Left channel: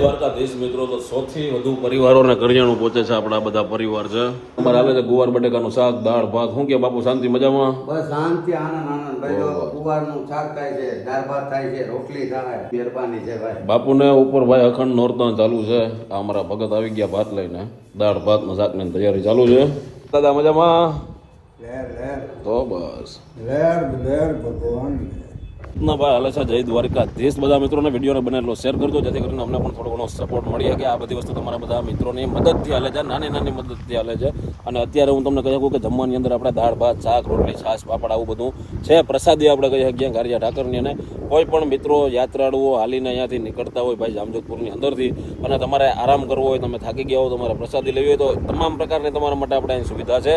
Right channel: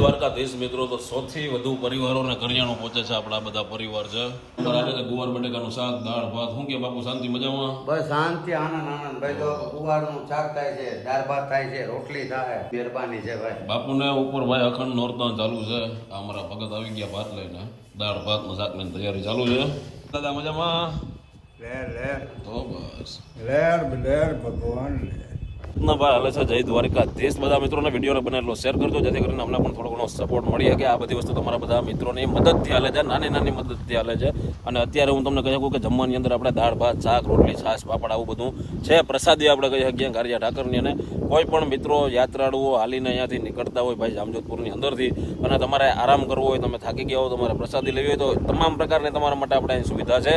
દ્વારકાધીશ મિત્રો, તો સૌથી વધુ પરિવારોને કરિયાણું પહોંચે છે. આપણા બધા પરિવાર છે. અમારે હાલે છે ગુવાર બટેકાનું શાક, દાળ ભાત. શું કે બાપુ, શાંતિ મજામાં? બસ શાંતિ, આનંદ ભાઈ. જો ગુવારનું શાક થાય છે, દાળ ભાત થાય છે, રોટલી થાય, મહેરબાની છે ભાઈ. બાપુને ઉપર ભાઈ અખંડ નોરતા ચાલુ છે. આ અમારા ભગત આવી ગયા ભાત લઈને. દાળ ભાત ને શાક ની તૈયારી ચાલુ છે. દાદા મજામાં? તો બસ ભગવાન ના ભાઈ હાલે છે જય દ્વારકાધીશ. બધા મિત્રોને વિડીયોને બનેલો શેર કરજો, જેથી કરીને અમને પણ થોડો ઘણો સપોર્ટ મળી શકે. આ બધી વસ્તુ તમારા બધા મિત્રોની મદદથી હાલે છે, નાની નાની મદદથી હાલે છે. અને અત્યારે હું તમને કહી શકું કે જમવાની અંદર આપણે દાળ ભાત, શાક, રોટલી, છાશ, પાપડ આવું બધું છે. પ્રસાદી આપણે કહી શકીએ ગારિયા ઠાકરની. અને કોઈ પણ મિત્રો યાત્રાળુઓ હાલીને અહીંયાથી નીકળતા હોય ભાઈ જામજોધપુરની અંદરથી, અને તમારે આરામ કરવો હોય, તમે થાકી ગયા હોય, તમારે પ્રસાદી લેવી હોય, તો તમામ પ્રકારની તમારા માટે આપણે અહીં સુવિધા છે.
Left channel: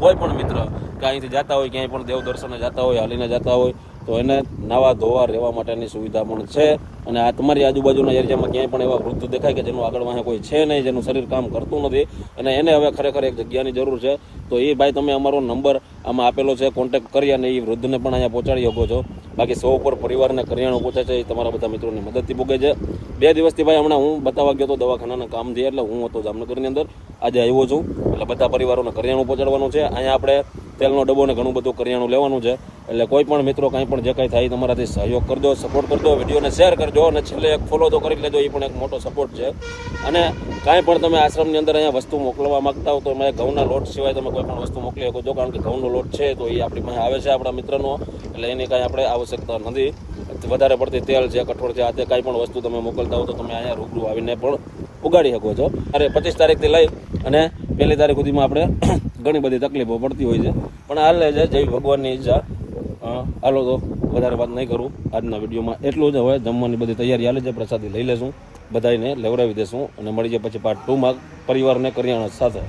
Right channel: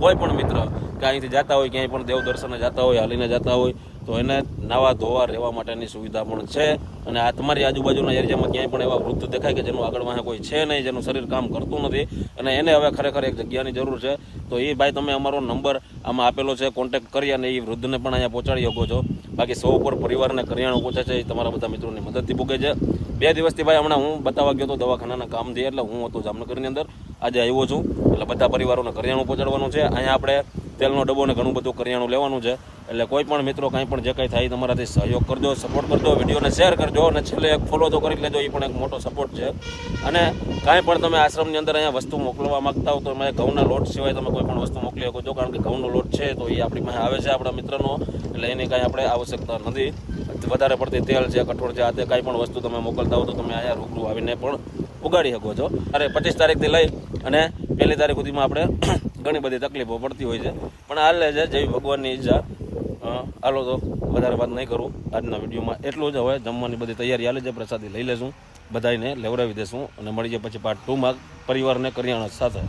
કોઈ પણ મિત્ર કે અહીંથી જતા હોય, ક્યાંય પણ દેવ દર્શને જતા હોય, હાલીને જતા હોય, તો એને નાવા ધોવા રહેવા માટેની સુવિધા પણ છે. અને આ તમારી આજુબાજુના એરિયામાં ક્યાંય પણ એવા વૃદ્ધ દેખાય કે જેનું આગળ વાહે કોઈ છે નહીં, જેનું શરીર કામ કરતું નથી, અને એને હવે ખરેખર એક જગ્યાની જરૂર છે, તો એ ભાઈ તમે અમારો નંબર આમાં આપેલો છે, કોન્ટેક્ટ કરી અને એ વૃદ્ધને પણ અહીંયા પહોંચાડી શકો છો. બાકી 100 ઉપર પરિવારને કરિયાણું પહોંચે છે, એ તમારા બધા મિત્રોની મદદથી પૂગે છે. 2 દિવસથી ભાઈ હમણાં હું બતાવવા ગયો હતો દવાખાનાના કામથી, એટલે હું હતો જામનગરની અંદર, આજે આવ્યો છું. એટલે બધા પરિવારોને કરિયાણું પહોંચાડવાનું છે. અહીંયા આપણે તેલનો ડબ્બો ને ઘણું બધું કરિયાણું લેવાનું છે. એટલે કોઈ પણ મિત્રો કાંઈ પણ જે કાંઈ થાય તમારાથી સહયોગ કરજો, સપોર્ટ કરજો, વિડીયોને શેર કરજો, અને છેલ્લે એક ફોલો તો કરી લેજો, એ પણ એક મોટો સપોર્ટ છે. અને કાંઈ પણ તમે આશ્રમની અંદર અહીંયા વસ્તુ મોકલવા માંગતા હો તો તમે ઘઉંના લોટ સિવાય તમે કોઈ પણ વસ્તુ મોકલી શકો છો, કારણ કે ઘઉંનો લોટ છે તો એ આપણી પાસે આવે છે આપણા મિત્રનો, એટલે એની કાંઈ આપણે આવશ્યકતા નથી. વધારે પડતી તેલ છે, કઠોળ છે, આ તે કાંઈ પણ વસ્તુ તમે મોકલતા હો તો તમે અહીંયા રૂબરૂ આવીને પણ ઉગાડી શકો છો. અરે 25 તારીખથી લઈ અને 1 તારીખ સુધીમાં આપણે ઘણી બધી તકલીફો પડતી હોય છે, પણ હાલ છે જય ભગવાનની ઈચ્છા. હાલો તો વધારે વાત નહીં કરું આજના વિડીયોમાં, એટલું જ. હવે જમવાની બધી તૈયારી હાલે છે, પ્રસાદી લઈ લેશું, બધાને લેવડાવી દેશું, અને મળી જાય પછી પાર્ટ 2માં પરિવારને કરિયાણા સાથે.